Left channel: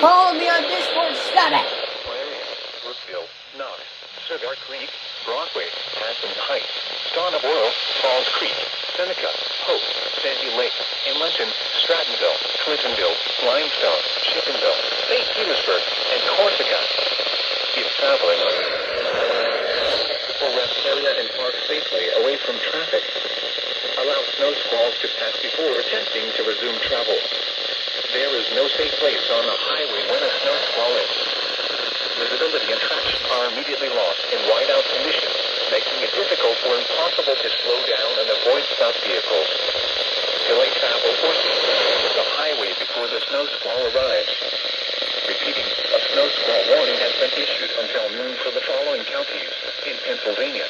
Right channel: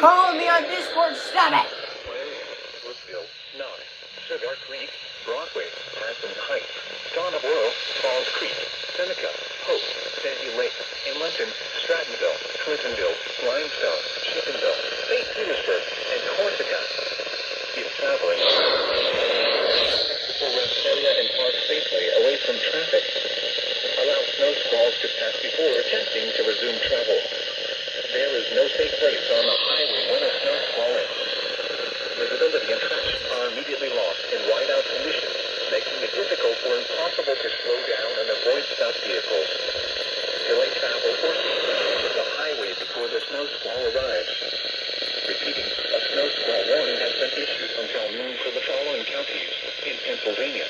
calling me on Discord, stop it! Miami, Brookville, Knox, Cigar Creek, Broadway, Aspen Heights, Dawn of Oil, Falls Creek, Seneca, Hope, Sandy Lake, Inlenton, Strattonville, Clintonville, Limestone, Chickenville, St. Petersburg, and Corsica. If traveling, people rest area and park safely away from traffic. Allow snow squalls to pass before attempting to resume travel. There is no safe place on the highway when a snow squall ends. Visibility and traction are immediately lost in whiteout conditions, making it difficult or impossible to slow down and avoid stopped vehicles. Delay travel or cease the highway before the snow squall arrives. Repeating, a snow squall warning has been issued until noon for the following counties in Pennsylvania.